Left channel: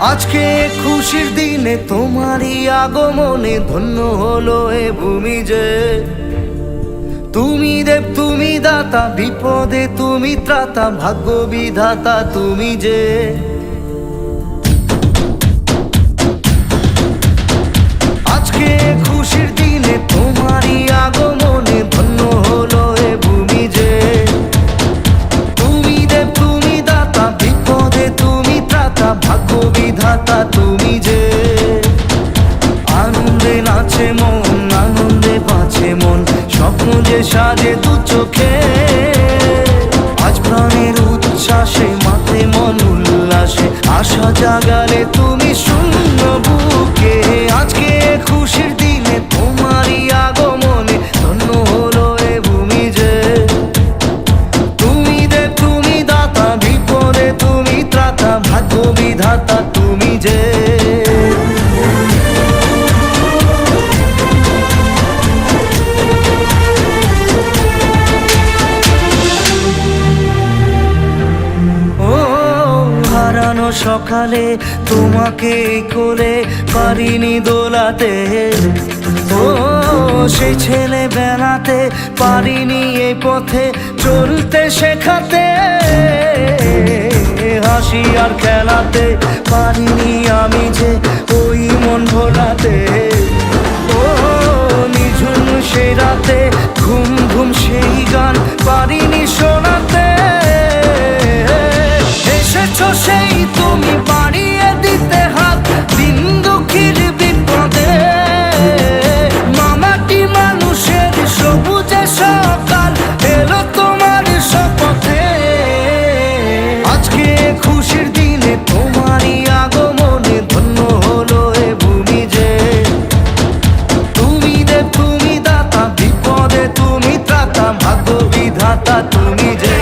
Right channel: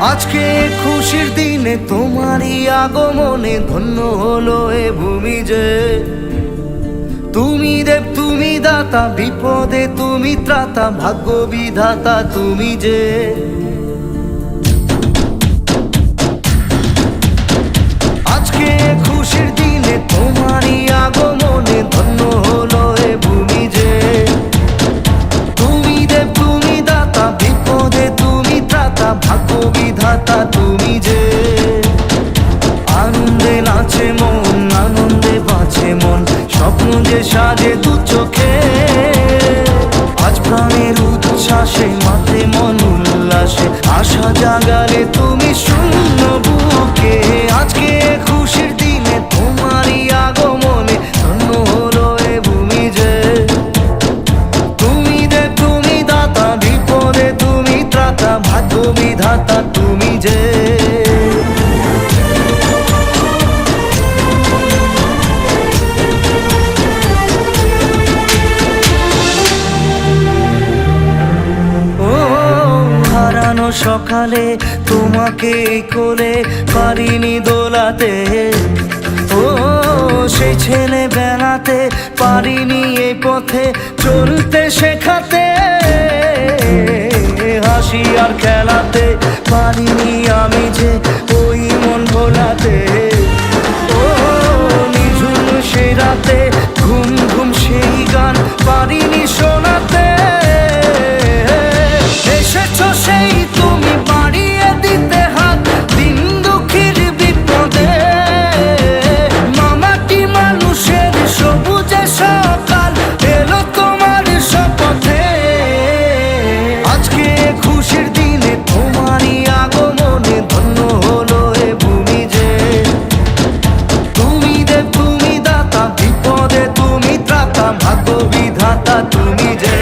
আজকে খুশির দিনে তোমারই আগমনে ধন্য হলো এ ভূমি যে। তুমি দেব তুমি দাতা, বিপদে তুমি ত্রাতা, ভাগ্য বিধাতা তুমি যে। আজকে খুশির দিনে তোমারই আগমনে ধন্য হলো এ ভূমি যে। তুমি দেব তুমি দাতা, বিপদে তুমি ত্রাতা, ভাগ্য বিধাতা তুমি যে। আনন্দে নাচে মন, আনন্দে বাঁচে মন, স্বপ্ন যে সাজে দু চোখে। আজ প্রাণের উচ্ছ্বাসে মাতে মন উল্লাসে, আশা জাগালে তুমি শূন্য বুকে। আজকে খুশির দিনে তোমারই আগমনে ধন্য হলো এ ভূমি যে। তুমি দেব তুমি দাতা, বিপদে তুমি ত্রাতা, ভাগ্য বিধাতা তুমি যে। হারানো সকালে তোমাকে কোলে পারিনি দোলাতে, ও সেই ছেলে বেলাতে পারিনি এই পথে চলতে শেখাতে। হাসি আর খেলাতে পারিনি আমি যে ওই মন ভোলাতে। ও নিঝুম সেই রাতে ঘুম ঘুম সেই গান পারিনি শোনাতে। এসেছো সেই তুমি বাড়িয়ে দিতে হাত দিন দুঃখীর বিপদে। মামাটি মানুষের সবুজে সকাল এলো তোমার শপথে। আজকে খুশির দিনে তোমারই আগমনে ধন্য হলো এ ভূমি যে। তুমি দেব তুমি দাতা, বিপদে তুমি ত্রাতা, ভাগ্য বিধাতা তুমি যে।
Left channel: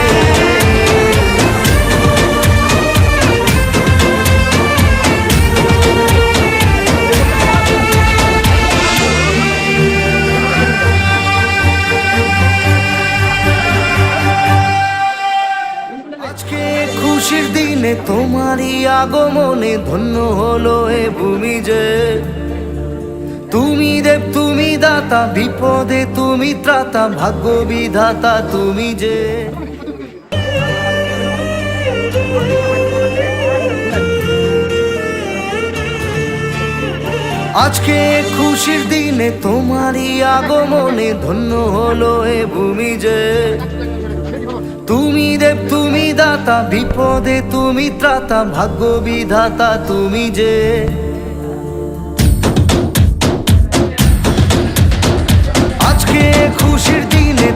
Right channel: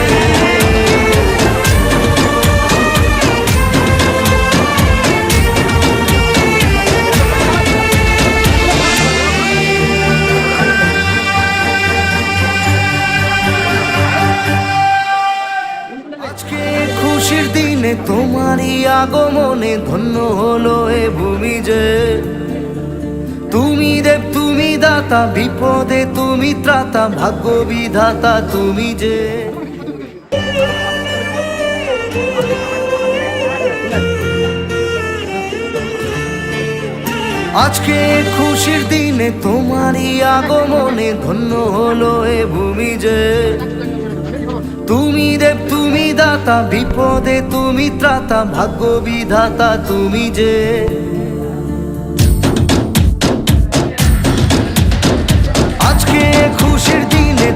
আজকে খুশির দিনে তোমারই আগমনে ধন্য হলো এ ভূমি যে। তুমি দেব তুমি দাতা, বিপদে তুমি ত্রাতা, ভাগ্য বিধাতা তুমি যে। আজকে খুশির দিনে তোমারই আগমনে ধন্য হলো এ ভূমি যে। তুমি দেব তুমি দাতা, বিপদে তুমি ত্রাতা, ভাগ্য বিধাতা তুমি যে। আজকে খুশির দিনে